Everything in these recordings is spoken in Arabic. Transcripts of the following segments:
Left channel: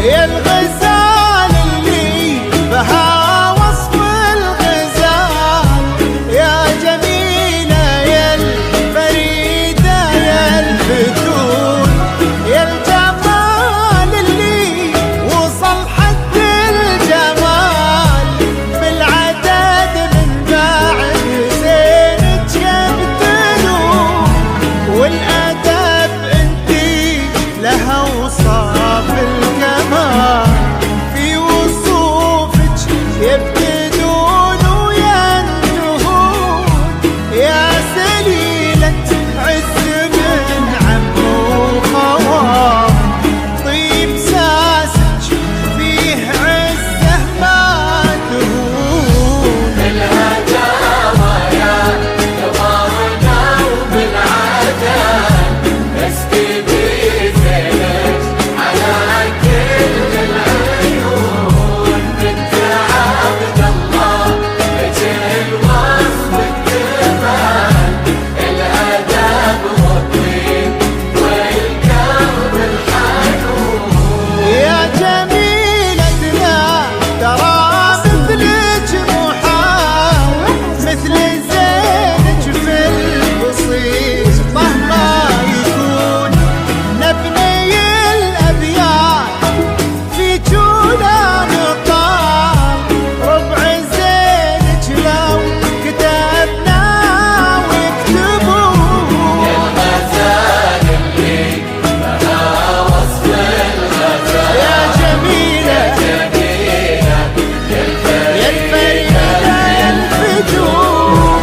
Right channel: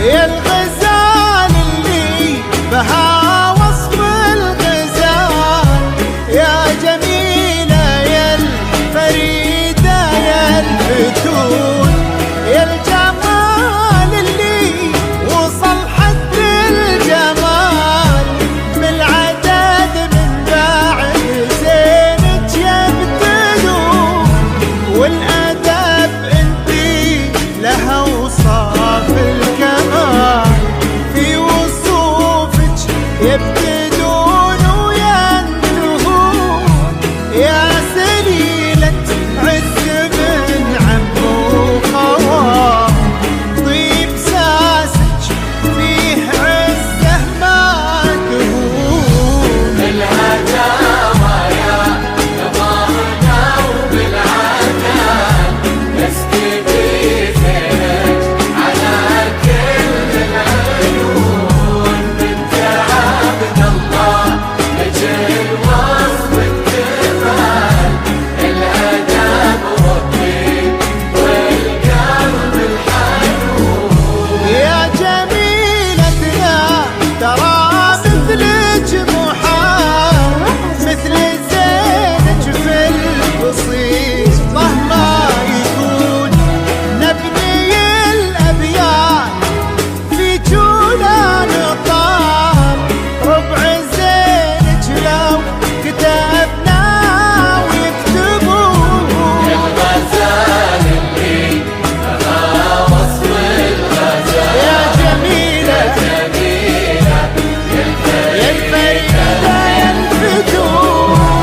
يا الغزال اللي بها وصف الغزال، يا جميلة يا الفريدة يا الفتون، يا الجمال اللي وصل حد الجمال، من العدد من بعد زينك يبتدون، والأدب انتي لها وصاف الكمال، في وصوفك يبتدون وينتهون، يا سليلة عز من عم وخوال، طيب ساسك فيه عزه ما تهون. الهجامة يا قمرنا وبالعدل نسكبي زينك على كل العيون، بنت عبد الله نجل وصف الجمال، الأدب والطيب والقلب الحنون. يا جميلتنا ترى مثلك محال، مثل زينك في البسيطة ما يكون، نبني الأبيات في جولان طال، ربع زينك لو كتبنا ويكتبون. الغزال اللي بها وصف الغزال، يا جميلة يا الفريدة يا الفتون.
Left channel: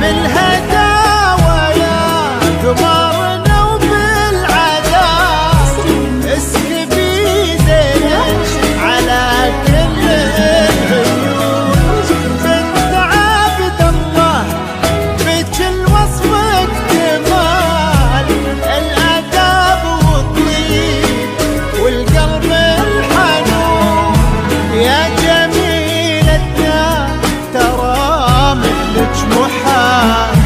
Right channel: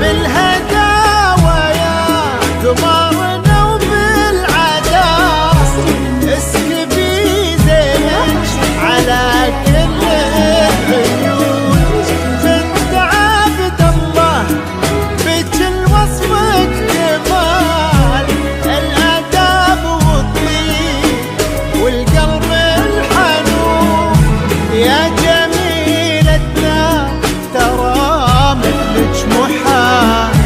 بالهداوى يا قمرنا وبالعداء، اسكبي زينك على كل العيون، بنت عبد الله بك الوصف اكتمال، الاداب والطيب والقلب الحنون، يا جميلتنا ترى مثلك محال،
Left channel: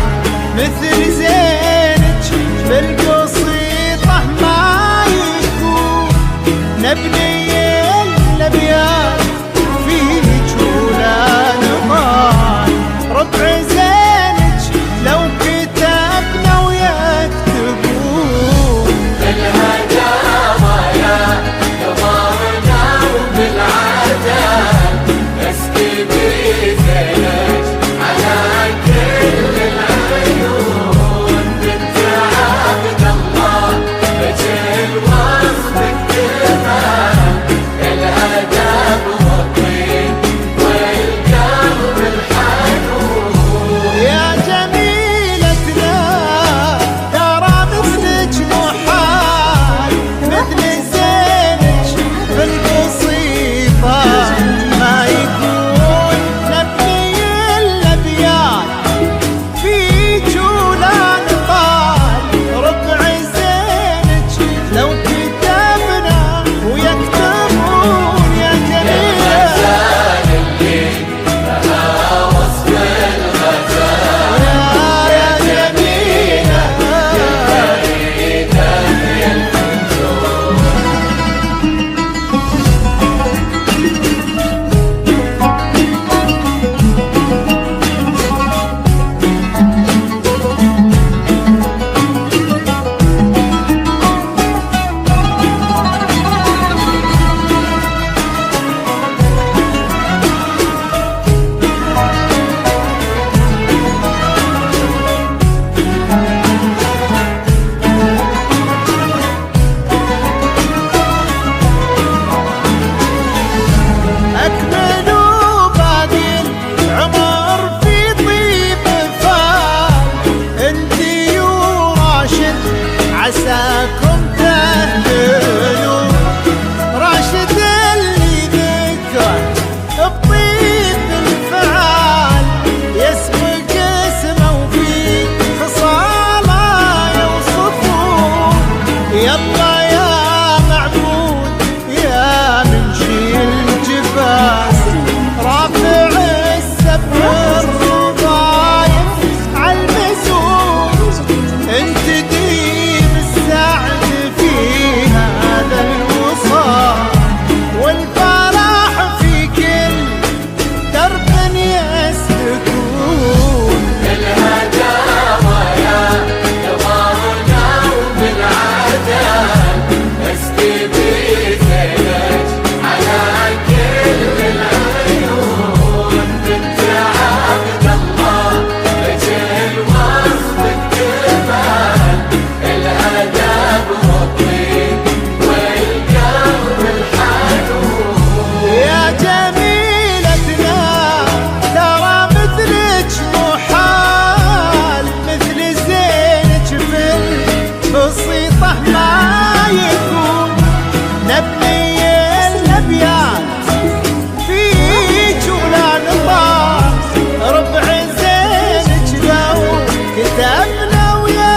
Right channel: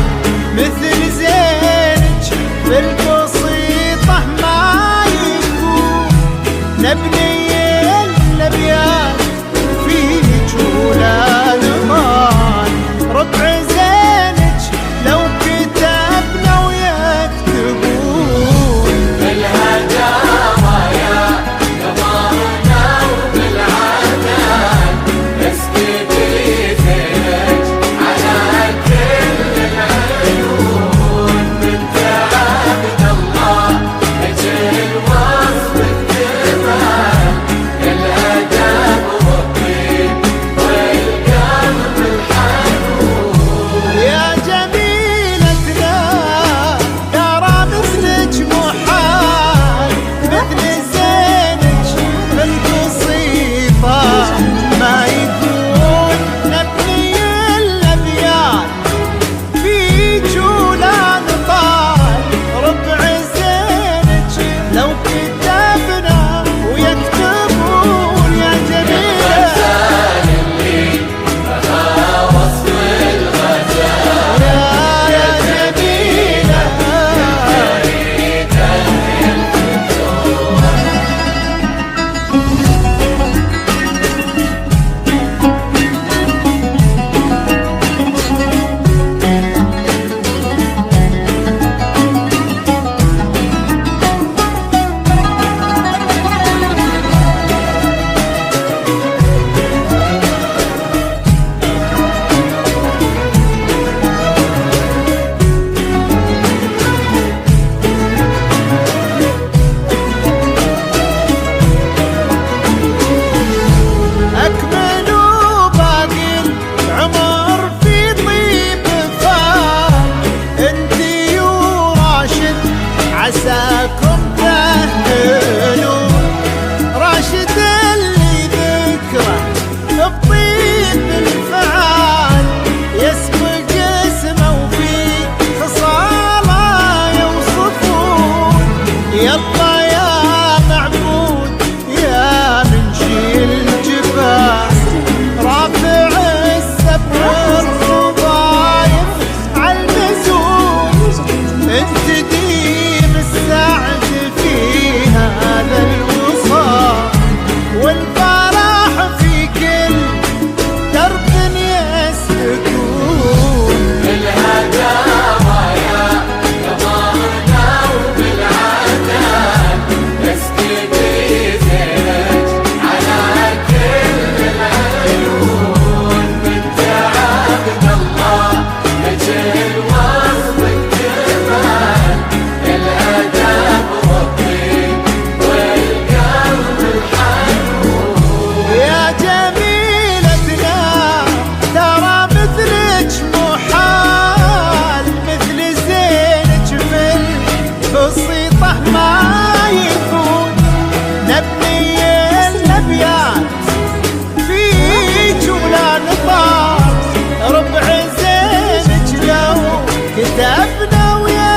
مثل زينك بالبسيطة ما يكون، نبني الأبيات في جولان طال، ربع زينك لو كتبنا ويكتبون. الهجامة يا قمرنا وبالعدل نسكبي زينك على كل العيون، بنت عبد الله نجل وصف الجمال، الأدب والطيب والقلب عساكم تهتلون. راشد اللي ذكره بطيب الفعال يسبق اسمه وفي خصاله يوصفون. يلا يا معبود يا منشي الجبال رافع السبع الرضايف عالمزون. انت ديم السعد في هذا الوصال والفرح في كل درب يسلكون. الهداوى يظهرنا وبالعدال نسقي بزينك على كل العيون. بنت عبد الله وجه الوصف الجمال الادب والطيب والقلب الحنون. يا جميلتنا ترى مثلك محال مثل زينك في البسيطة ما يكون. نبني الأبيات فيك ولا نطال ربع زينك لو كتبنا ويا